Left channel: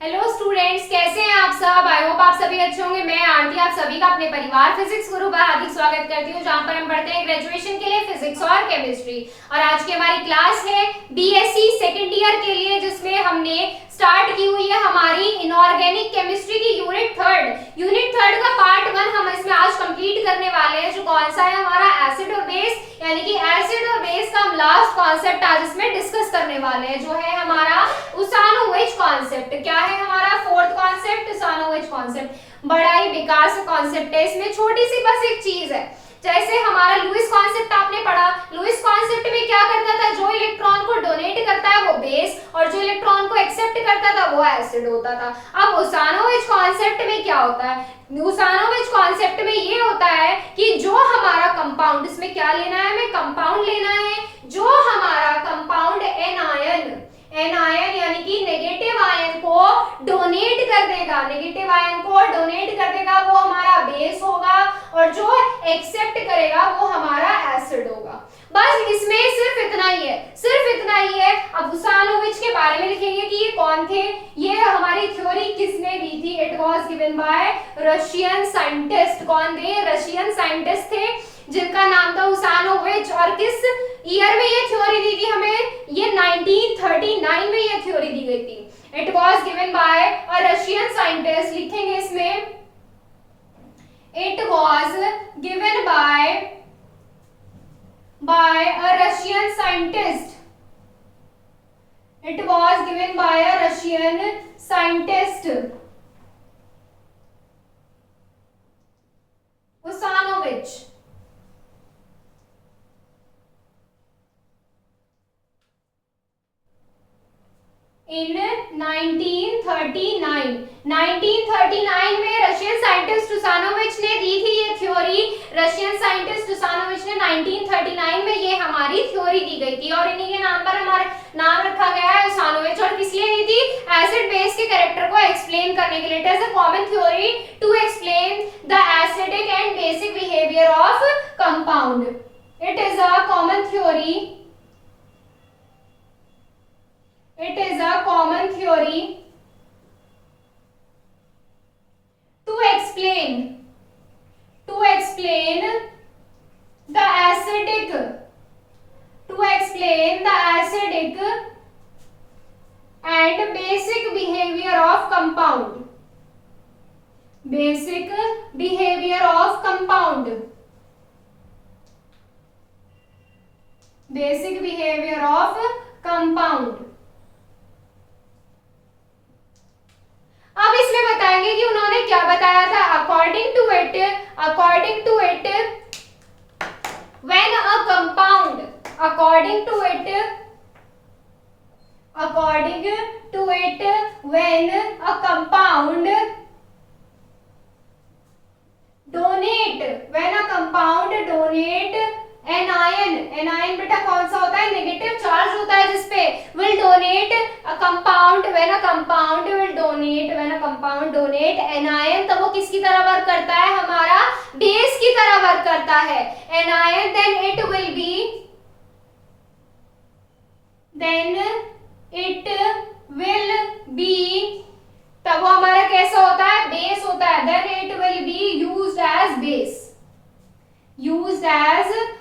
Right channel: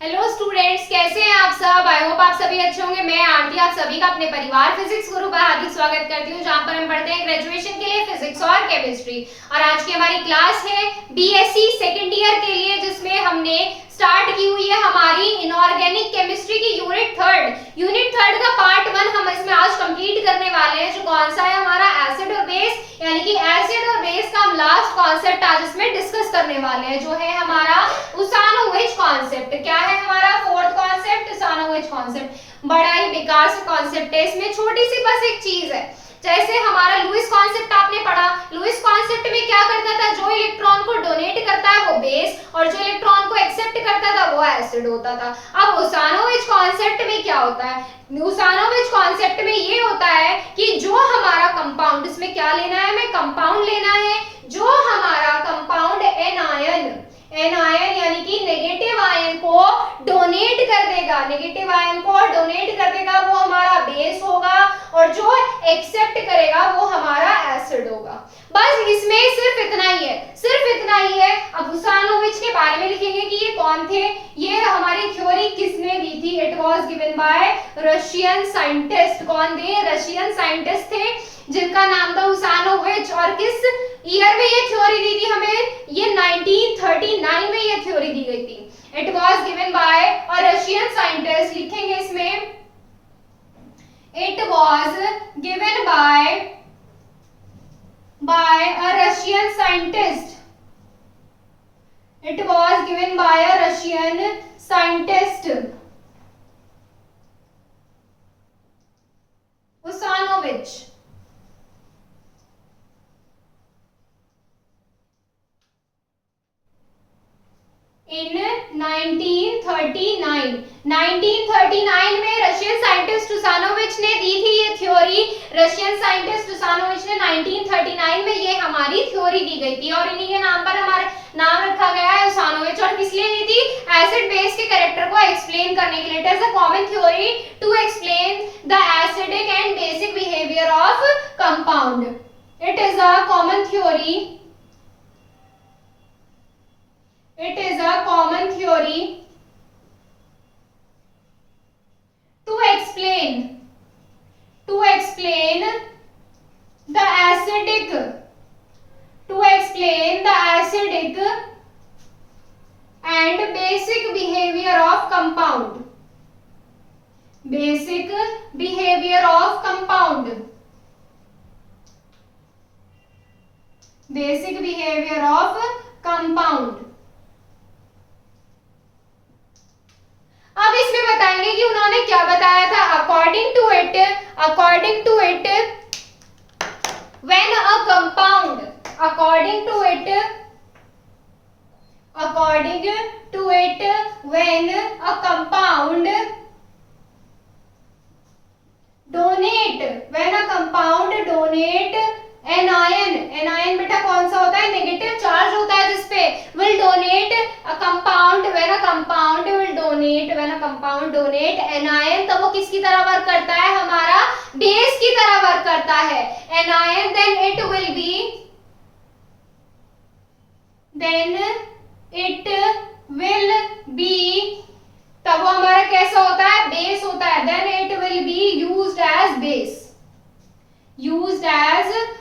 Hello students, कैसे हैं आप सब। आई होप आप सभी अच्छे होंगे। मैं आरती आप सभी का अपने परिवार फिजिक्स गुरु पर हार्दिक स्वागत करती हूं, जहां पर हम पढ़ते हैं ग्रेजुएशन के लिए फिजिक्स और केमिस्ट्री। और आज की हमारी क्लास है बीएससी सेकेंड ईयर के लिए, जिसमें हमने स्टार्ट की हुई है हमारी इनऑर्गेनिक केमिस्ट्री की यूनिट थर्ड का पार्ट 1 हम इसमें आज कंप्लीट करने वाले हैं, जो कौन सा है हमारा एसिड और बेस, यानी कि एसिड और बेस का हम लास्ट कॉन्सेप्ट आज इसमें डिस्कस करने वाले हैं, जो है हमारा उसानोविच कॉन्सेप्ट। क्या है हमारा फोर्थ कॉन्सेप्ट, उसानोविच कॉन्सेप्ट। बड़ा ही बेकार सा कॉन्सेप्ट है, इसमें छोटी सी बस एक चीज है। जैसे हमारा लुईस कॉन्सेप्ट आपने पढ़ा, लुईस कॉन्सेप्ट में क्या करता था, जो इलेक्ट्रॉन को डोनेट करता है वो बेस और जो इलेक्ट्रॉन को एक्सेप्ट करता था वो एसिड होता था। अब उसानोविच कॉन्सेप्ट में क्या होता है, उसानोविच कॉन्सेप्ट में ये होता है कि जो हमारा कंपाउंड, इसमें क्या लेना है, हमें कंपाउंड लेना है, जो हमारा कंपाउंड एन आयन यानी कि नेगेटिव आयन को डोनेट कर देगा, नेगेटिव आयन को डोनेट कर देगा, वो हमारा बेस होगा, और जो एक्सेप्ट करेगा वो हमारा एसिड होगा। बस इसमें सिर्फ इतना ही है, सिर्फ इतना ही है। अब उसानोविच के बारे में लिखेंगे कि ये कौन थे, ये हमारी थ्योरी किसने दी थी। It was given by Russian scientist. कौन थे, रशियन साइंटिस्ट थे जिनका नाम था उसानोविच। और किस ईयर में ये थ्योरी दी थी हमें, ये 1939 में ये थ्योरी दी गई थी। It was given by a Russian scientist, लिखेंगे इसमें it was given by a Russian scientist. It was given by a Russian scientist. Usanovich. In 1939 में रशियन साइंटिस्ट उसानोविच ने दी थी ये थ्योरी। रशियन साइंटिस्ट उसानोविच ने 1939 में ये हमारी थ्योरी दी गई थी, और इन्हीं के नाम पर हमारा नाम रखा गया है उसानोविच। और किस लिए दी थी, एसिड बेस के कैरेक्टर को एक्सप्लेन करने के लिए। It is a common theory to explain the acidic and basic behaviour of compound. It is a common theory, it is a common theory to explain the acidic and basic behavior of compound, basic behavior of compound, basic behavior of compound। अब इसमें बताएंगे कि उन्होंने क्या बताया था। According to it when a compound, according to it when a compound donate an ion बेटा कौन सा होता है, नेगेटिव चार्ज होता है जिसपे, will donate a compound, when a compound donate an ion, तब वो किसकी तरह वर्क करता है, हमारा बेस की तरह वर्क करता है an ion. Then it will be, तब वो हमारा कैसा होता है, बेस होता है। Then it will be used as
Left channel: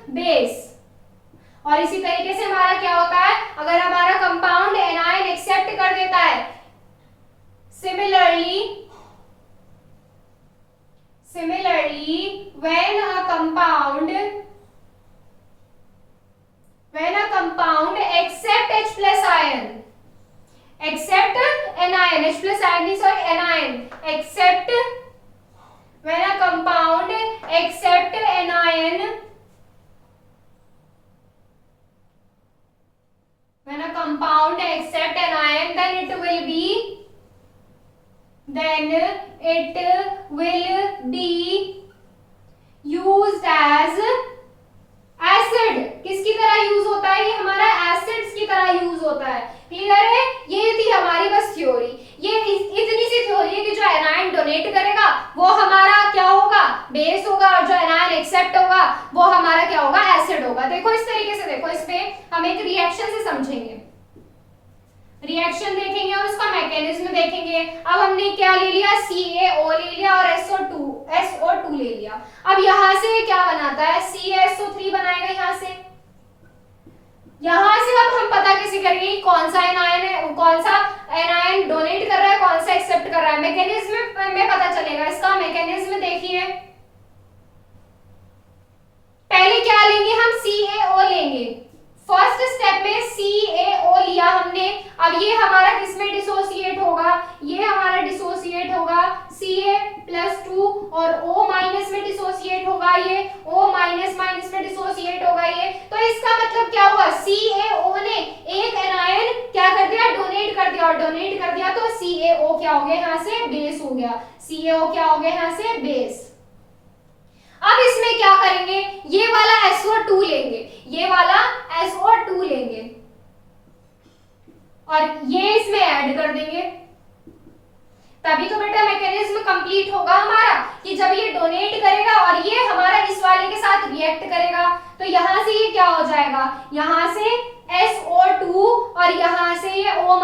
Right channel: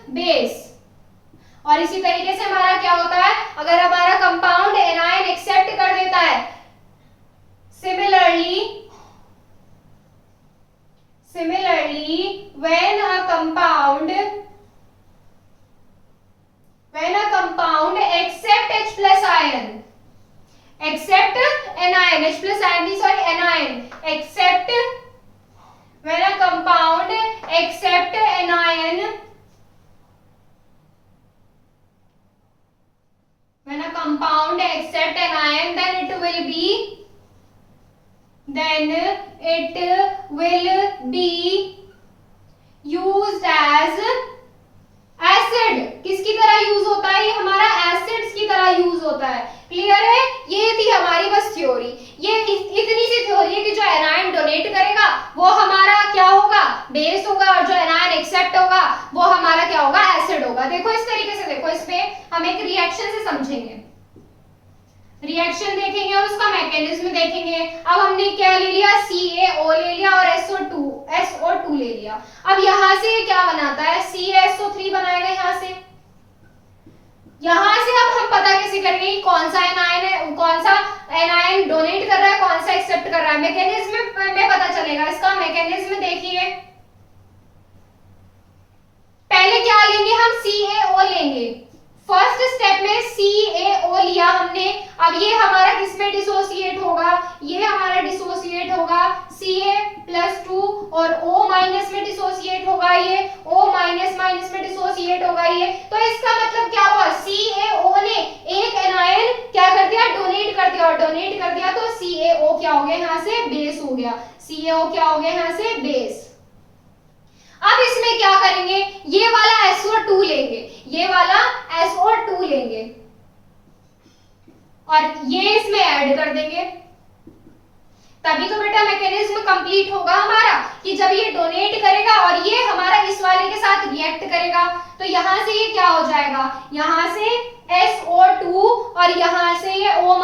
base. और इसी तरीके से हमारा क्या होता है, अगर हमारा कंपाउंड एनायन एक्सेप्ट कर देता है, similarly when a compound accept H plus ion, accept anion, H plus ion, sorry, anion, accept, when a compound accept anion, then it will be used as acid. किसकी तरह use होता है, ये हमारा acids की तरह यूज होता है। क्लियर है, ये थी हमारी बस थ्योरी। ये इतनी सी थ्योरी है कि जो एनायन डोनेट करेगा वो हमारा क्या होगा, बेस होगा, और जो एनायन एक्सेप्ट होगा वो हमारा क्या होगा, एसिड होगा। देखो इस तरीके से, देखो इसमें हम एक रिएक्शन से समझेंगे, रिएक्शन देखेंगे और उसका मैकेनिज्म देखेंगे। अब हमने क्या ले लिया, CaO ले लिया और SO2 ले लिया। अब यहां से क्या बनाता है, CaSO3 बनाएगा यहां से अब हम पता कैसे करेंगे कौन सा एनायन है, कौन सा एनायन डोनेट कर रहा है, कौन सा एक्सेप्ट कर रहा है। मैकेनिज्म में पता चलेगा। इसका मैकेनिज्म देखिए, पहले क्या लेंगे हम, CaO लेंगे। फर्स्ट स्टेप में CaO लिया हमने। अब ये हमारा किसमें डिसोसिएट होगा, ये हमारा डिसोसिएट होगा Ca+2 और O- में डिसोसिएट होगा, ये O- में डिसोसिएट होगा ये। तो इसका मतलब क्या हुआ, CaO ने एक एनायन क्या कर दिया, डोनेट कर दिया, और डोनेट कर दिया तो CaO क्या हो गया यहाँ से, बेस हो गया। CaO क्या हो गया यहाँ से, बेस। अब इसमें क्या करेंगे, ये वाला SO2 लेंगे, ये वाला SO2 लेंगे और ये इसमें ऐड कर देंगे। तभी तो बेटा मैकेनिज्म कंप्लीट होगा हमारा, कि जब ये डोनेट करेगा और ये हमारा इस वाले के साथ रिएक्ट करेगा। तो यहां से ये क्या हो जाएगा, यहां से SO2 और यहां से ये O-,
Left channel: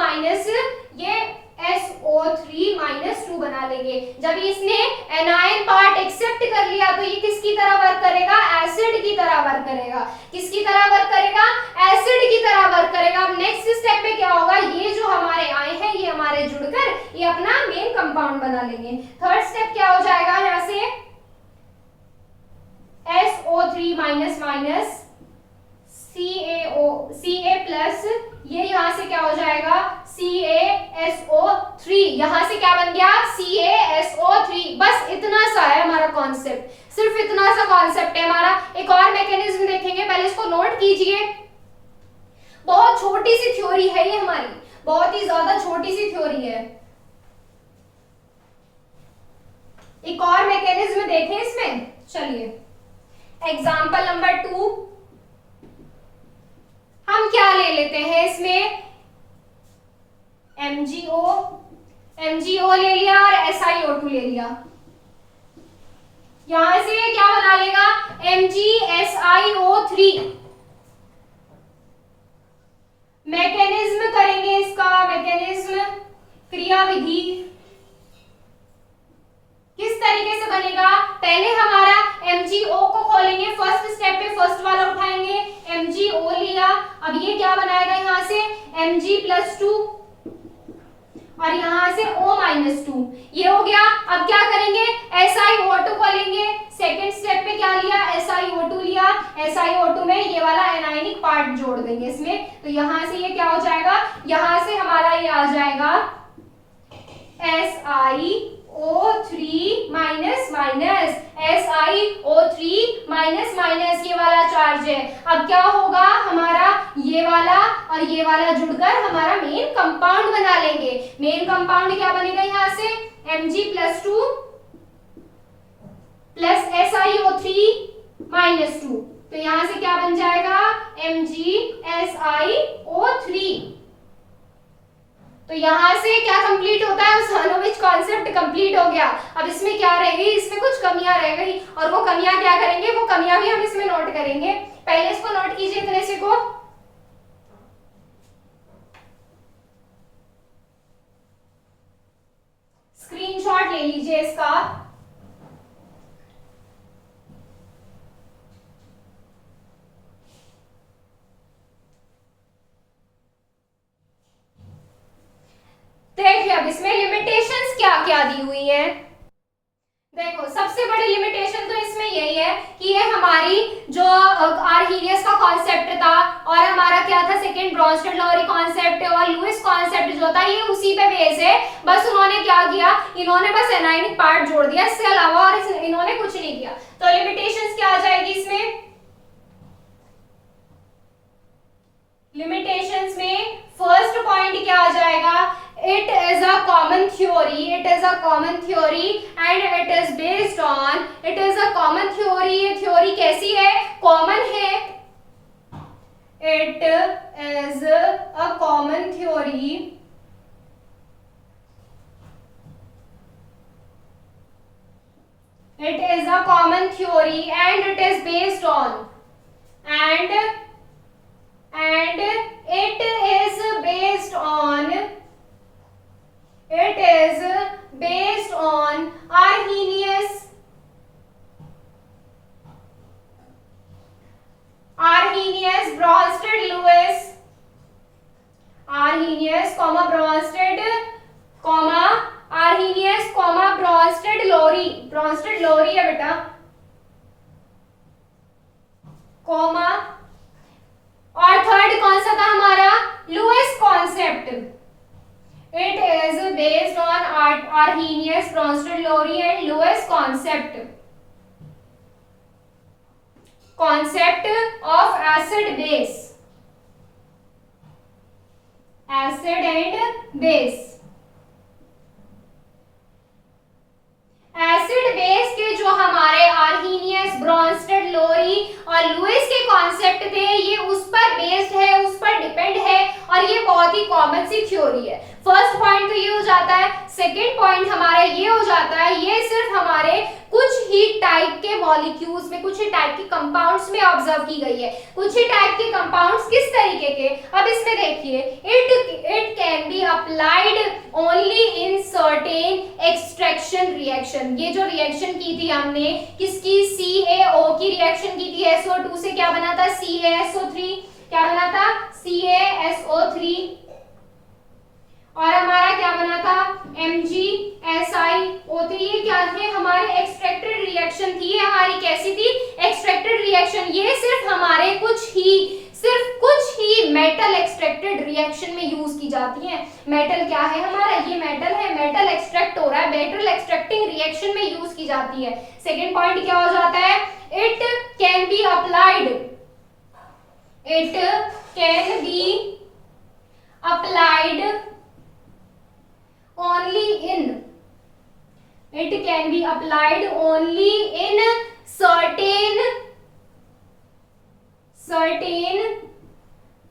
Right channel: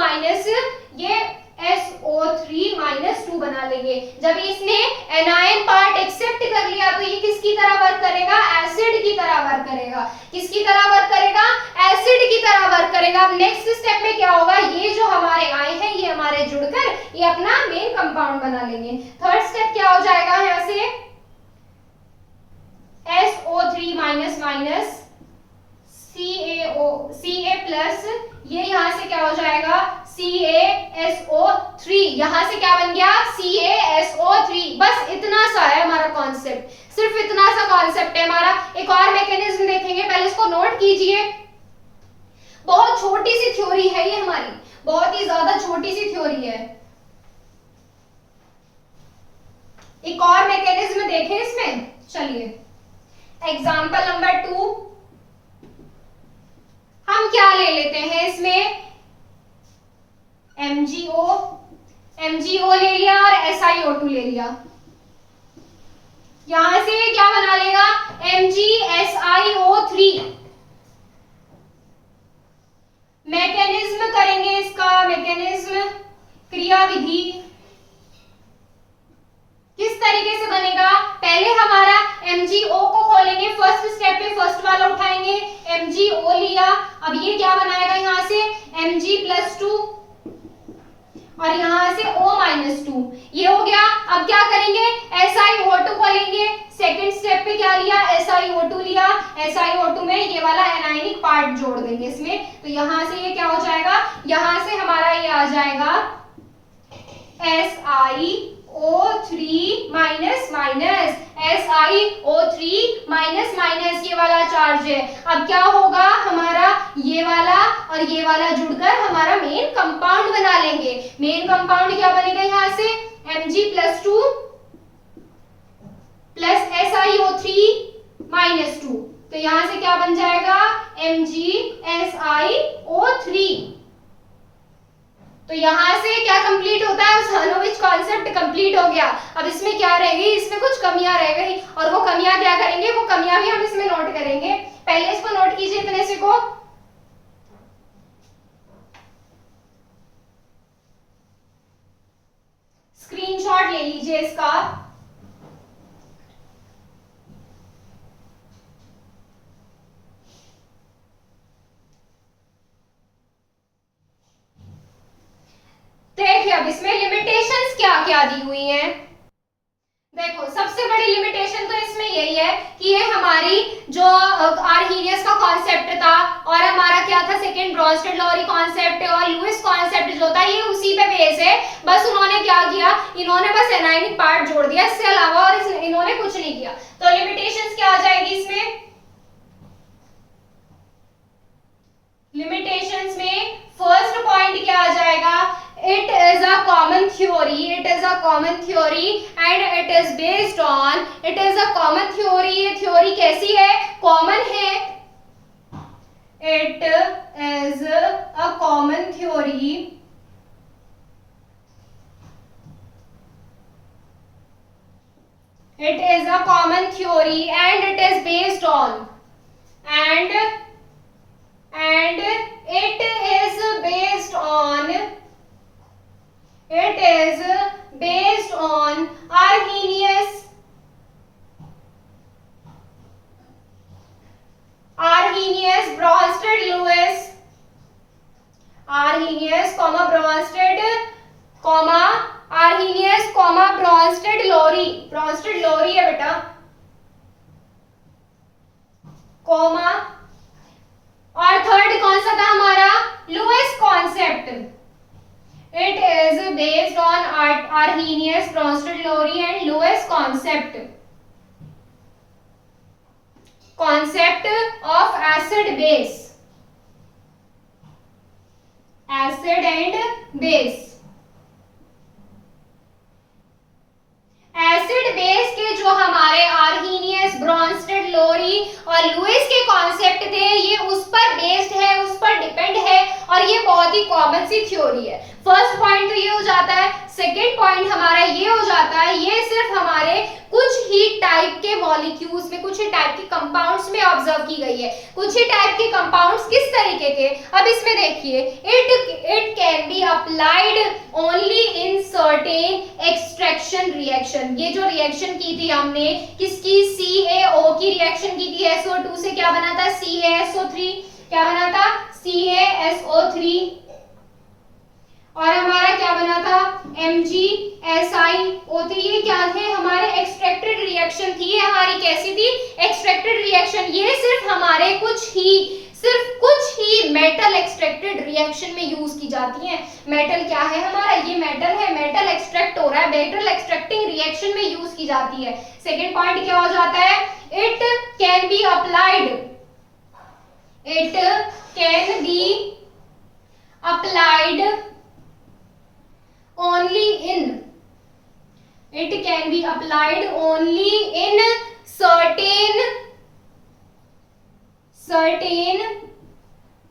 ये SO3-2 बना लेंगे। जब इसने एनायन पार्ट एक्सेप्ट कर लिया तो ये किसकी तरह वर्क करेगा, एसिड की तरह वर्क करेगा। किसकी तरह वर्क करेगा, एसिड की तरह वर्क करेगा। अब नेक्स्ट स्टेप में क्या होगा, ये जो हमारे आए हैं ये हमारे जुड़कर ये अपना मेन कंपाउंड बना लेंगे। थर्ड स्टेप क्या हो जाएगा, यहां से SO3-, Ca+, ये यहां से क्या हो जाएगा, CaSO3। यहां से क्या बन गया, CaSO3। बस इतना सा है हमारा कॉन्सेप्ट, सिर्फ इतना सा कॉन्सेप्ट है हमारा। एक और मैकेनिज्म देखेंगे, पहले इसको नोट कीजिए। बहुत छोटी सी थ्योरी है ये हमारी, बहुत ही ज्यादा छोटी सी थ्योरी है। एक और मैकेनिज्म देखें इसमें, चलिए एग्जाम्पल नंबर 2 हम क्या ले लेते हैं इसमें, MgO ले लिया और SiO2 ले लिया। यहां से क्या बना लेगा, MgSiO3। मैकेनिज्म करेंगे इसका, मैकेनिज्म क्रियाविधि किस तरीके से बनेगा, पहले हमारा MgO को खोलेंगे। फर्स्ट स्टेप पे फर्स्ट वाला उठाएंगे, MgO लिया। अब ये क्या बनाएगा, यहाँ से Mg+2 और यहाँ से O-2, ये हो गया। अब क्या करेंगे, SiO2 को लेंगे। सेकंड स्टेप पे क्या लिया, SiO2 लिया। SiO2 में ये वाला एनायनिक पार्ट जोड़ देंगे इसमें। तो यहाँ से ये क्या हो जाएगा, यहाँ से हमारा ये आ जाएगा SiO3-, ये वाला चार्ज है। अब क्या होगा हमारा, ये वाला जुड़कर हमारा मेन कंपाउंड बना लेंगे। मेन कंपाउंड क्या बनेगा, यहाँ से Mg+2 प्लस SiO3-2। तो यहां से क्या बन जाएगा, MgSiO3। तो यहां से क्या कंप्लीट होता है, उस कॉन्सेप्ट कंप्लीट हो गया। अब इसमें क्या रहेगी, इसमें कुछ कमियां रह गई, और वो कमियां क्या करेंगे, वो कमियां भी हम इसमें नोट करेंगे। पहले इसको नोट कीजिए, इतने से को स्क्रीनशॉट ले लीजिए इसका। देखिए अब इसमें लिमिटेशंस क्या क्या दी हुई है। देखो सबसे बड़ी लिमिटेशन तो इसमें यही है कि ये हमारी जो आर्हीनियस का कॉन्सेप्ट था और हमारा क्या था सेकंड ब्रोंस्टेड-लॉरी कॉन्सेप्ट और लुईस कॉन्सेप्ट जो था, ये उसी पे बेस है। बस उन्होंने क्या किया, इन्होंने बस एनायनिक पार्ट जोड़ दिया, इससे अलावा और इन्होंने कुछ नहीं किया। तो लिमिटेशंस क्या आ जाएगी इसमें, लिमिटेशंस में फर्स्ट पॉइंट क्या आ जाएगा, it is a common theory and it is based on, it is a common theory। ये थ्योरी कैसी है, कॉमन है। it is a common theory and it is based on It is based on Arrhenius Bronsted Lewis, Arrhenius, Bronsted, Arrhenius, Bronsted Lowry, Bronsted Lowry है बेटा, comma, और third कौन सा था हमारा, Lewis concept. It is based on Arrhenius, Bronsted Lowry and Lewis concept. Concept of acid base. Acid and base. Acid base के जो हमारे आर्हीनियस, ब्रॉन्स्टेड, लोरी और लुइस के कॉन्सेप्ट थे, ये उस पर बेस्ड है, उस पर डिपेंड है, और ये बहुत ही कॉमन सी थ्योरी है. फर्स्ट पॉइंट तो ये हो जाता है. सेकेंड पॉइंट हमारा ये हो जाता है, ये सिर्फ हमारे कुछ ही टाइप के मॉलिक्यूल्स में, कुछ ही टाइप के कंपाउंड्स में ऑब्जर्व की गई है. कुछ ही टाइप के कंपाउंड्स किस तरीके के, अब इसमें देखिए, it can be applied only in certain extraction reaction. ये जो रिएक्शन की थी हमने, किसकी, CaO की रिएक्शन की थी, SO2 से क्या बना था, CaSO3, क्या बना था, CaSO3, और हमारा क्या बना था, MgSiO3. ये क्या थे, हमारे एक्सट्रैक्टेड रिएक्शन थी. हमारी कैसी थी, एक्सट्रैक्टेड रिएक्शन. ये सिर्फ हमारे सिर्फ कुछ ही मेटल एक्सट्रैक्टेड रिएक्शन में यूज की जाती है. मेटल क्या है हमारा, ये मेटल है, मेटल एक्सट्रैक्ट हो रहा है, मेटल एक्सट्रैक्टिंग रिएक्शन में यूज की जाती है. सेकेंड पॉइंट क्या हो जाता है, it can be applied, it can be applied only in, it can be applied only in certain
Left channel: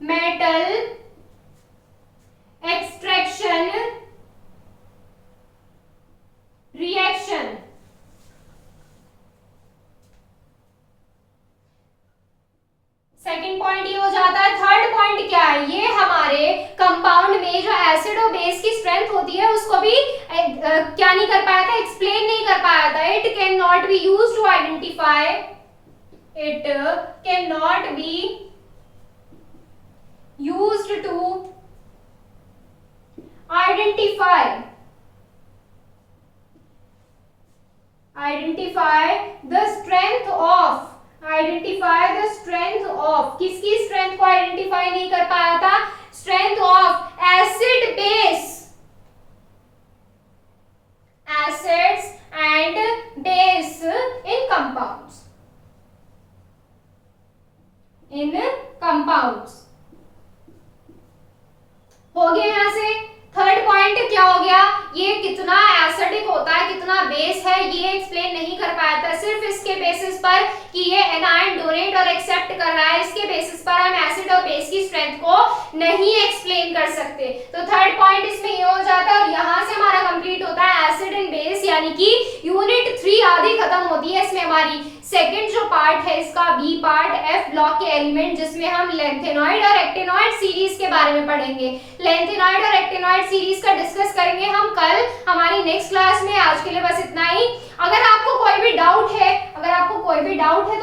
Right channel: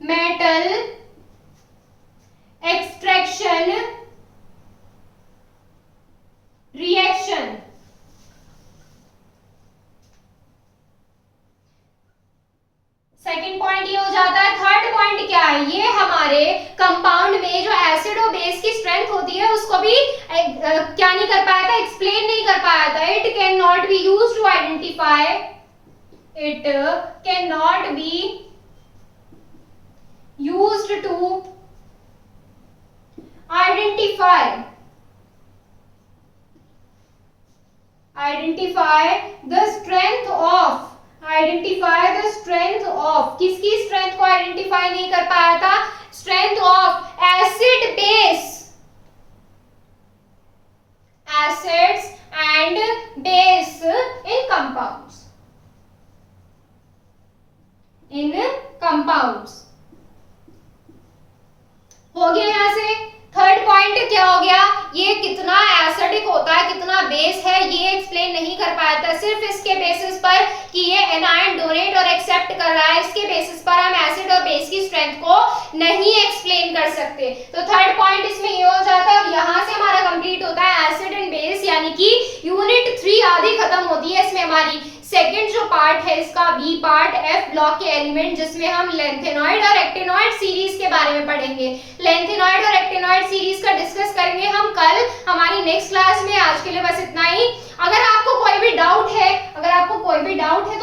metal extraction reaction. Second point ये हो जाता है. थर्ड पॉइंट क्या है, ये हमारे कंपाउंड में जो एसिड और बेस की स्ट्रेंथ होती है, उसको भी क्या नहीं कर पाया था, एक्सप्लेन नहीं कर पाया था. It can not be used to identify, it can not be used to identify the strength of, identify the strength of, किसकी स्ट्रेंथ को आइडेंटिफाई नहीं कर पाया था, strength of acid base, acids and base in compounds, in compounds. हो गया यहां से. थर्ड पॉइंट क्या हो गया, ये कितना एसिडिक होता है, कितना बेस है, ये एक्सप्लेन नहीं कर पाया था. सिर्फ इसके बेसिस पर कि ये एनायन डोनेट और एक्सेप्ट कर रहा है, इसके बेसिस पर हम एसिड और बेस की स्ट्रेंथ को नहीं एक्सप्लेन कर सकते. तो थर्ड पॉइंट इसमें ये हो जाता है, और यहां से हमारा कंप्लीट होता है एसिड एंड बेस, यानी कि यूनिट 3 आधी खत्म होती है. इसमें हमारी सेकेंड जो पार्ट है इसका, बी पार्ट, F ब्लॉक के एलिमेंट, जिसमें हम लेंथेनॉइड और एक्टिनॉइड सीरीज के बारे में पढ़ेंगे. लेंथेनॉइड और एक्टिनॉइड सीरीज का डिस्कस करेंगे हम कल हमारी नेक्स्ट क्लास में. आज के लिए बस इतना ही. अगर आपको कोई भी डाउट है, तो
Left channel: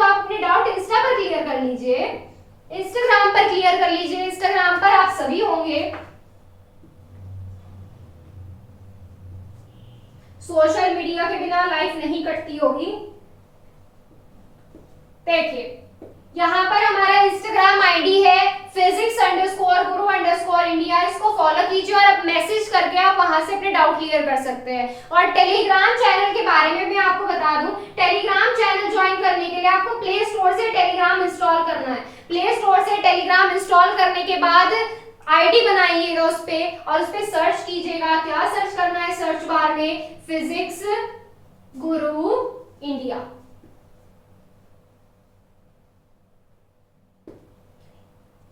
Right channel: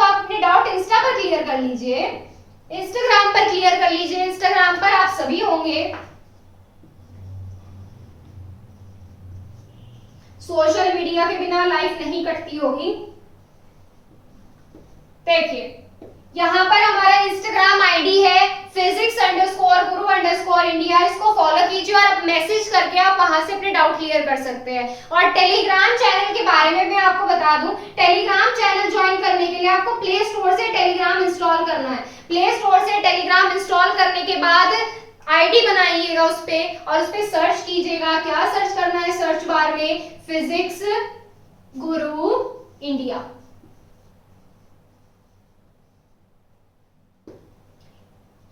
आप अपने डाउट इंस्टा पर क्लियर कर लीजिए, इंस्टाग्राम पर क्लियर कर लीजिए. इंस्टाग्राम पर आप सभी होंगे. सोशल मीडिया के बिना लाइफ नहीं कटती होगी. देखिए यहाँ पर हमारा इंस्टाग्राम आईडी है physics_guru_India. इसको फॉलो कीजिए और अब मैसेज करके आप वहां से अपने डाउट क्लियर कर सकते हैं. और टेलीग्राम चैनल के बारे में मैं आपको बता दूं, टेलीग्राम चैनल ज्वाइन करने के लिए आपको प्ले स्टोर से टेलीग्राम इंस्टॉल करना है. प्ले स्टोर से टेलीग्राम इंस्टॉल करने के बाद आईडी बनाइएगा उस पे, और उस पे सर्च कीजिएगा. क्या सर्च करना है सर्च बार में, फिजिक्स गुरु इंडिया.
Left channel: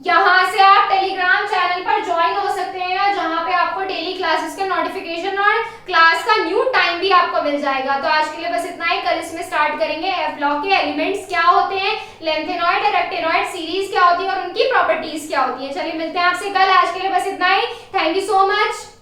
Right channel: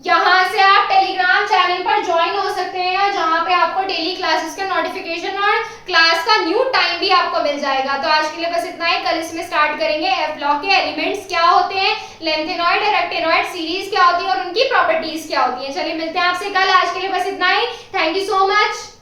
यहाँ से आप टेलीग्राम चैनल पर ज्वाइन हो सकते हैं, और जहाँ पे आपको डेली क्लासेस का नोटिफिकेशन और क्लास का न्यू टाइम भी आपको मिल जाएगा. तो आज के लिए बस इतना ही. कल इसमें स्टार्ट करेंगे F ब्लॉक के एलिमेंट्स क्या होते हैं, लेंथेनॉइड और एक्टिनॉइड सीरीज क्या होती है और उनकी प्रॉपर्टीज क्या होती है. चलिए मिलते हैं आपसे कल. आज के लिए बस इतना ही. Thank you so much.